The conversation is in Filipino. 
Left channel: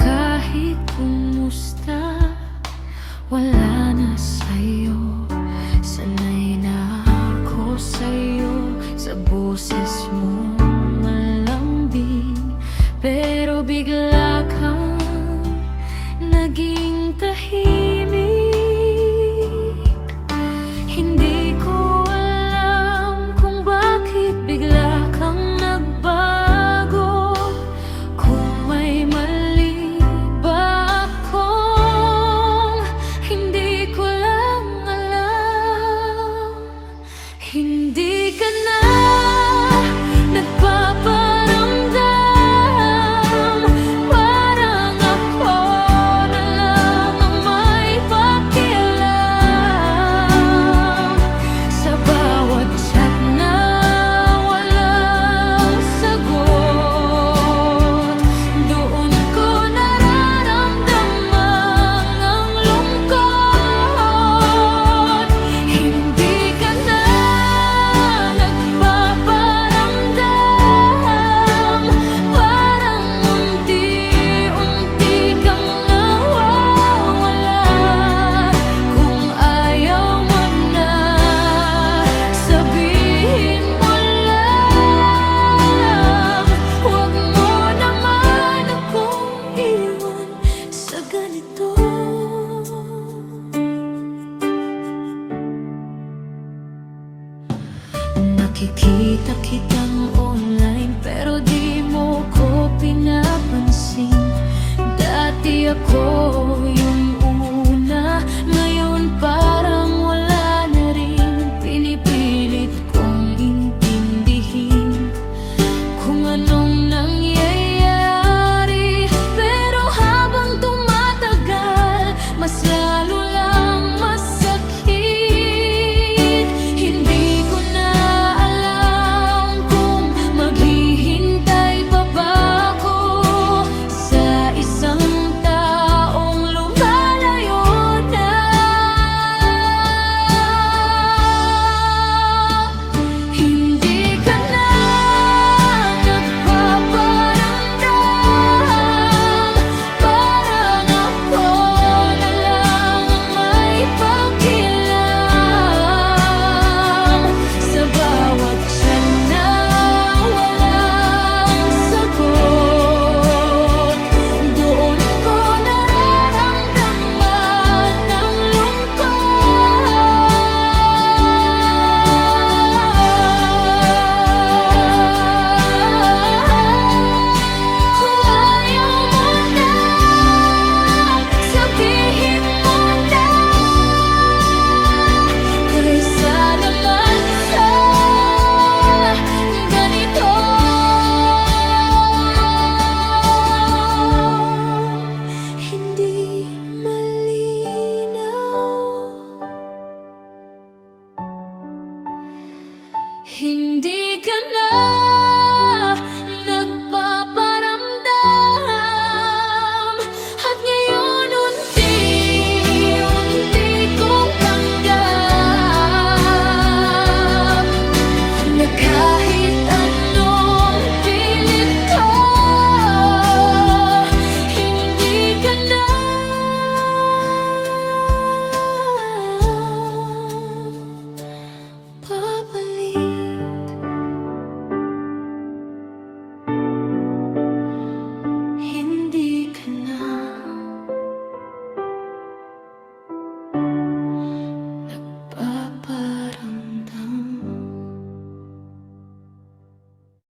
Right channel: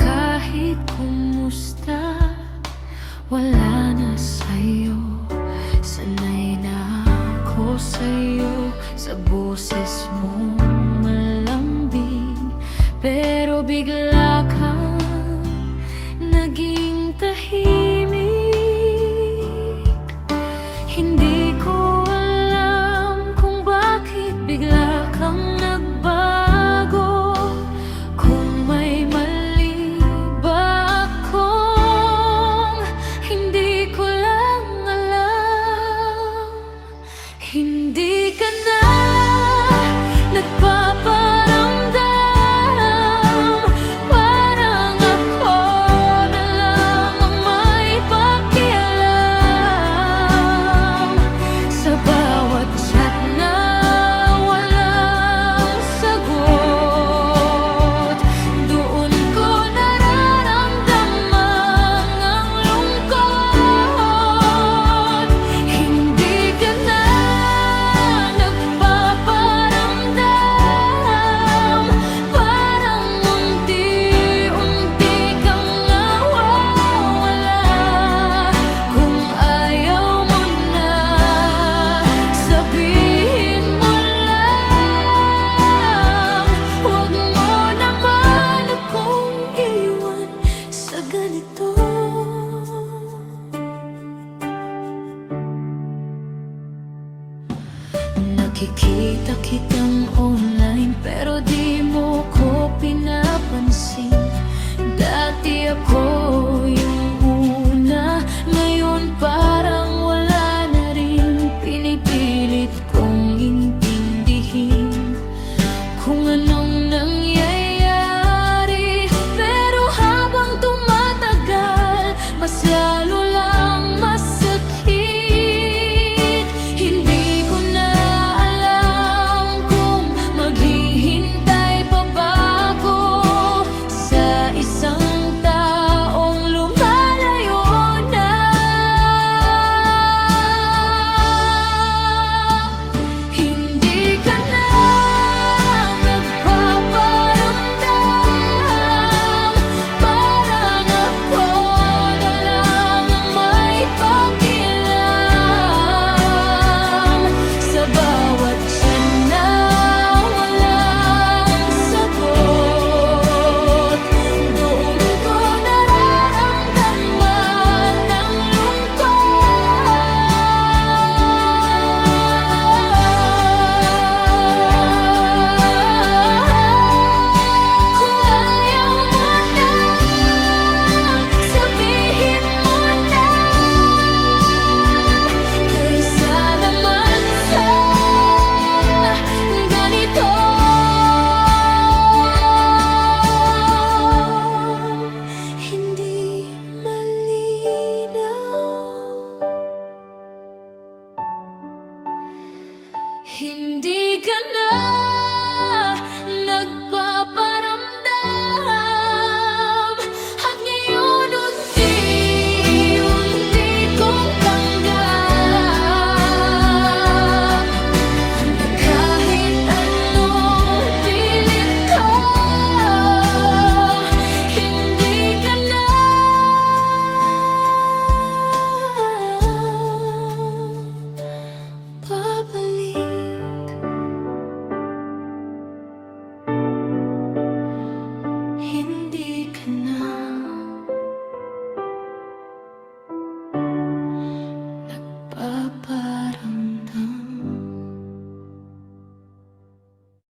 kahit kumusta, wala na sa'yo. Sanay na ako sa'yo, sa boses mo malambing. Pero bigla kang naging tahimik. Hindi ko alam kung bakit bigla kang nagbago. Kung may mali ba akong hindi ko lang alam. Hindi ka na nagpaparamdam, parang ako na lang ang may pakialam. Sa bawat chat na walang sagot, doon ko nararamdaman ang lungkot. Hindi ka na nagpaparamdam, parang unti-unti kang nawawala. Kung ayaw mo na, sabihin mo lang. Huwag mo naman akong iwan sa ganito. Nakikita kitang online pero di mo ko pinapansin. Dati ako yung una, ngayon parang wala na rin. Pinipilit kong intindihin kung anong nangyayari, pero habang tumatagal, mas lalo lang masakit. Hindi ko na alam kung maghihintay pa ba ako sa isang